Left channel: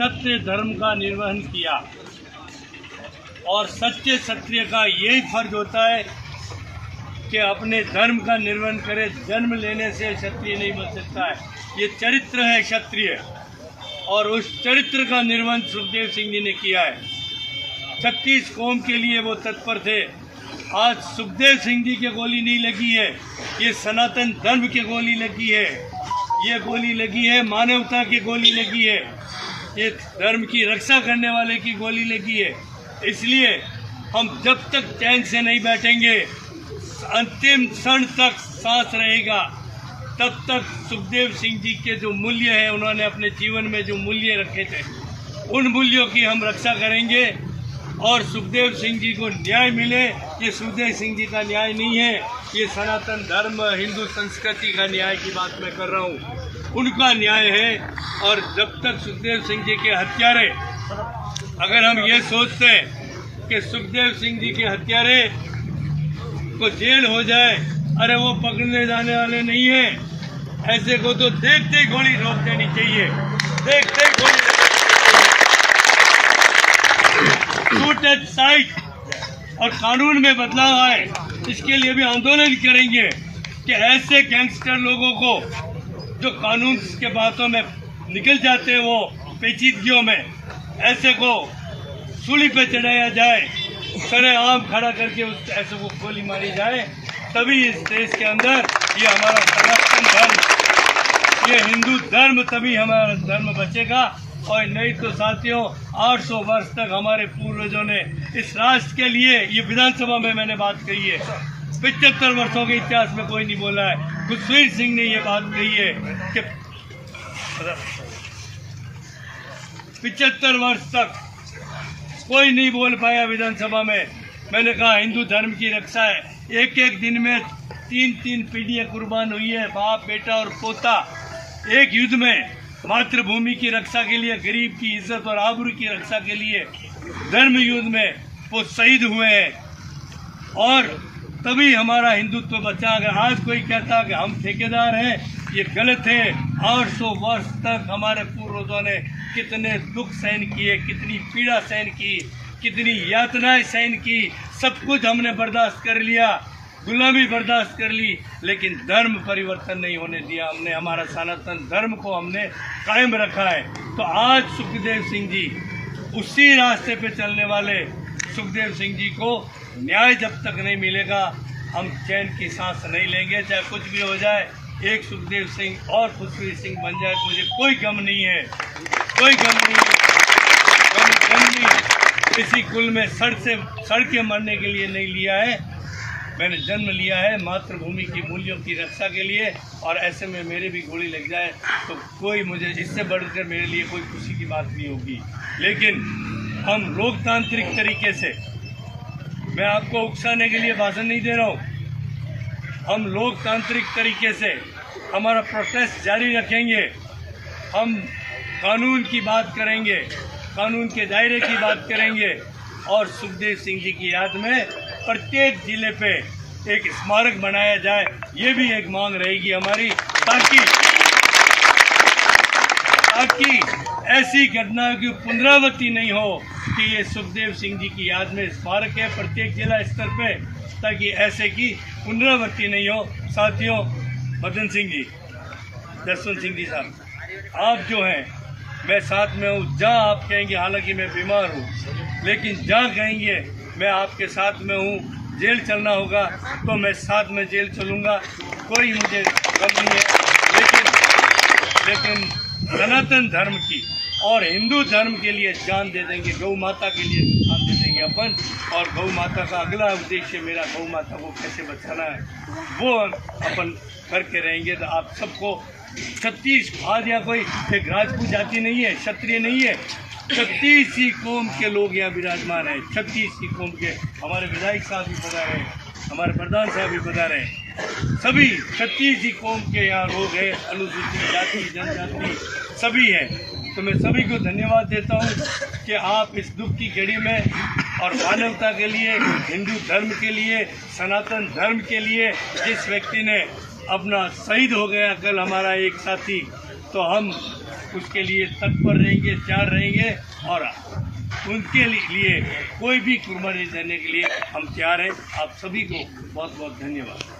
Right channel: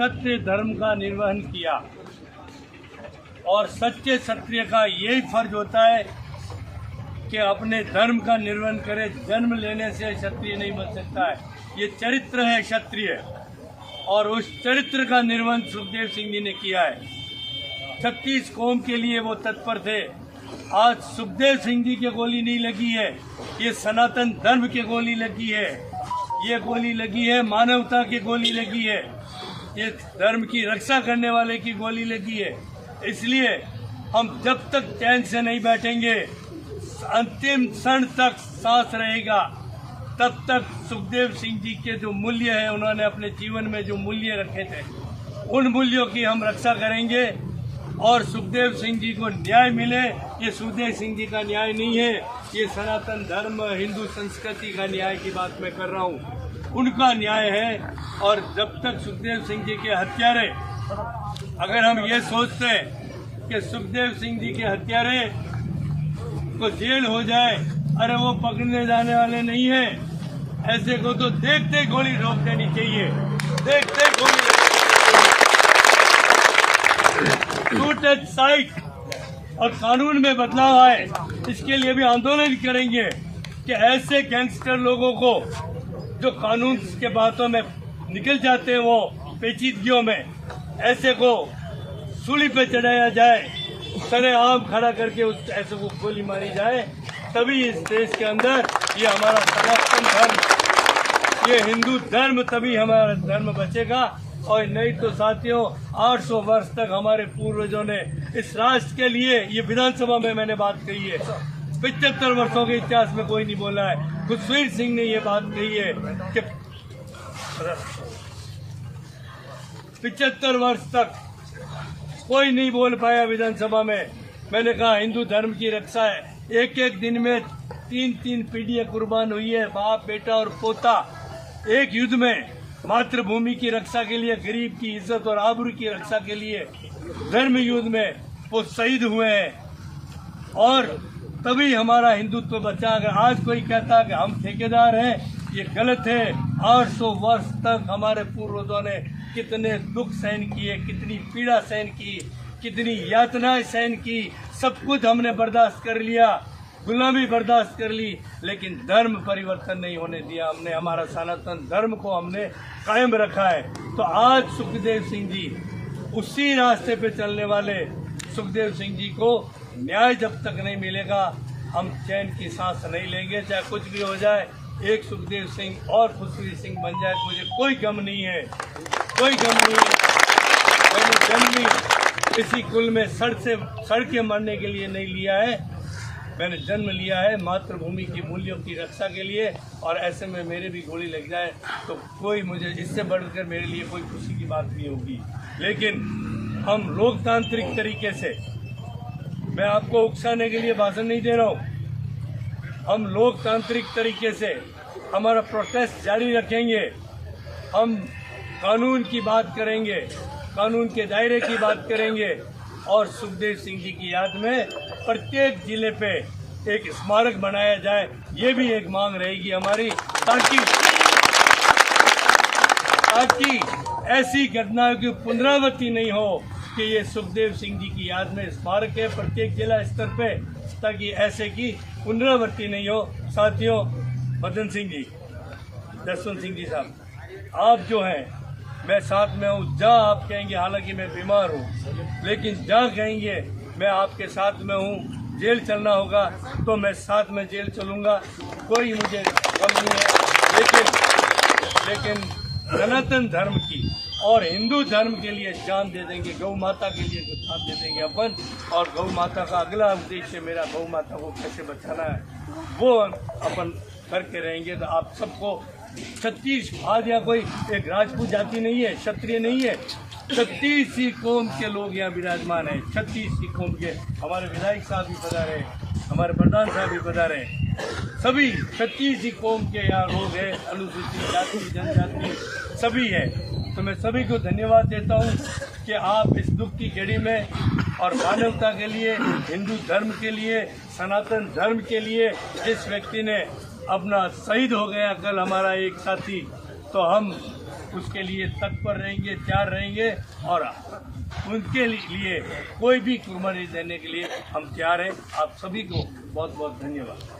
सत्य धर्म का निर्वहन किया और सच्चे क्षत्रिय का यही फर्ज होता है कि अपने धर्म का निर्वहन करे। जन्म लेने से क्षत्रिय नहीं बन सकता है, ये चरित्र है क्षत्रिय, और उस चरित्र का निर्वहन सुखदेव सिंह जी ने किया है। 36 कौम के लिए वो तत्पर थे। आज सुखदेव सिंह जी के गोली नहीं लगी है, ये सनातन धर्म के गोली लगी है, ये गोली लगी है मानवता की गोली लगी है, ये धर्म की रक्षा करने वाले की गोली लगी है। इसलिए हम जब तक चैन से नहीं बैठेंगे, अंतिम क्षण तक सांस रहेगा, तब तक सुखदेव सिंह जी के जो मूल्य है, उन्होंने अपने जीवन में जो मूल्य रखे थे, उन मूल्यों की हम रक्षा करेंगे और सुखदेव सिंह जी को न्याय मिले। ये सुखदेव सिंह जी का न्याय नहीं है, ये सनातन धर्म हिंदू संस्कृति का न्याय की बात मैं कर रहा हूँ, उनका न्याय है। और जब तक सुखदेव सिंह जी के हत्यारे, अगर हम ये सोचते हैं कि सुखदेव सिंह जी के हत्यारे को जेल हो जाए, अरे वो पकड़ने जाने वाले नहीं है, ऐसे को तो देखते ही गोली रोक देनी चाहिए, देखते ही गोली शूट एट साइट। और कानून में बदलाव आए, इसके लिए भी आंदोलन करेंगे कि ऐसे गैंगस्टर लोगों को जो कानून के बातों में निकल जाते हैं, वो पेचीदगियों में, ऐसे को सूली पे चढ़ाया जाए, सरेआम खड़ा करके उस ऐसे को गोली मारी जाए, तभी इस देश के अंदर ये हमारा सनातन धर्म, ये हिंदू धर्म, तभी हमारा धर्म बचेगा। और नहीं तो साथियों, 800 वर्ष तक हमारे पूर्वजों ने इस राष्ट्र के लिए, ये विधानसभा में मैंने बात कही है, 75 वर्षों के इतिहास में कोई नहीं बोला है। खुशवीर सिंह ने ये बात कही है कि 75 वर्ष तक कोई नहीं बोल पाया विधानसभा में। मैंने कहा हिंदू धर्म की रक्षा है, एक एक दिन में 3-3 पीढ़ियाँ कुर्बान हुई है, बाप बेटा और पोता, एक युद्ध में मातृभूमि की रक्षा के लिए, गरीब की इज्जत और आबरू की रक्षा के लिए, धर्म युद्ध में वो शहीद हुए हैं। और तभी हमारा हिंदुत्व बचा। अगर आज कोई कहता कि हम ठेकेदार हैं, ये गलत है। 800 वर्ष तक हमारे पूर्वजों ने कितने दुख सहन किए, कितनी पीड़ा सहन की, कितनी यातनाएं सहन की, सब कुछ हमने बर्दाश्त कर लिया, गुलामी बर्दाश्त कर ली, लेकिन धर्म परिवर्तन नहीं होने दिया हमने। हमारा सनातन धर्म को हमने कायम रखा है। तो आज सुखदेव सिंह जी, उसी रास्ते पे चलने वाले सुखदेव सिंह जी को न्याय जब तक नहीं मिलेगा, हम चैन की सांस नहीं लेंगे, चाहे कुछ भी हो जाए। एक सुखदेव सिंह और खुशवीर सिंह बन जाए, मुझे कोई गम नहीं है, कोई गम नहीं है। मैंने जन्म इसी कुल में सड़ के मरने के लिए नहीं लिया है, मैंने जन्म लिया है मातृभूमि की मूल्यों की रक्षा के लिए। और ऐसे में मेरे भी गोली लग जाए तो कोई, मुझे इससे बढ़कर मेरे लिए कोई खुशी की बात नहीं होगी। लेकिन हम लोकतांत्रिक तरीके से, मैं आपको उकसाने के लिए भाषण नहीं दे रहा हूँ, हम लोकतांत्रिक तरीके से हमारा प्रोटेस्ट जारी रखेंगे। हम कानून की बात करेंगे, कानून के दायरे की बात करेंगे, और सुखदेव सिंह जी की याद में प्रत्येक जिले पे एक स्मारक बनाया जाए, ये भी एक मांग रहेगी हमारी, ताकि ऐसी घटनाओं की पुनरावृत्ति नहीं हो कि ये सुखदेव सिंह जी की याद में स्मारक है प्रत्येक जिला स्तर पे, ताकि ऐसे की पुनरावृत्ति नहीं हो। साथियों, मदन सिंह जी, जसवंत सिंह जी साहब, आप जो हैं, मैं साथ में हूँ। जहाँ आप कहेंगे, हालांकि मैं बीमार हूँ, लेकिन जहाँ कहेंगे मैं आपके साथ में हूँ। जेल चलना होगा तो मैं साथ में जेल चलूँगा, कोई मुझे गम नहीं है। लेकिन सनातन धर्म की और हिंदू धर्म के लिए जान दे देंगे, गौ माता के लिए जान दे देंगे अपन। और गौ माता का अगला उद्देश्य मेरा गौ माता को कैसे बचाना है, वो अपन करके रहेंगे। तो आप सबको 36 आज यहाँ कोई एक राजपूत जाति नहीं है, क्षत्रिय नहीं है, 36 ही कौम के लोग यहाँ विराजमान हैं। 36 ही कौम के हमारे विधायक साहब भी पधारे हैं, हमारे प्रधान साहब भी पधारे हैं, सभी 36 ही कौम के यहाँ लोग हैं, अनुसूचित जाति जनजाति सभी हैं। तो मैं सभी को धन्यवाद देता हूँ कि आप इस दुख की घड़ी में और मानवता के लिए, हिंदू धर्म के लिए, सनातन धर्म के लिए, जिस व्यक्ति ने अपना शहीद हो गया कल हमारा एक साथी, तो हम उसके लिए तत्पर रहेंगे, तैयार रहेंगे और उनके लिए कोई भी कुर्बानी देने के लिए हम तैयार हैं। आप सभी को बहुत बहुत धन्यवाद।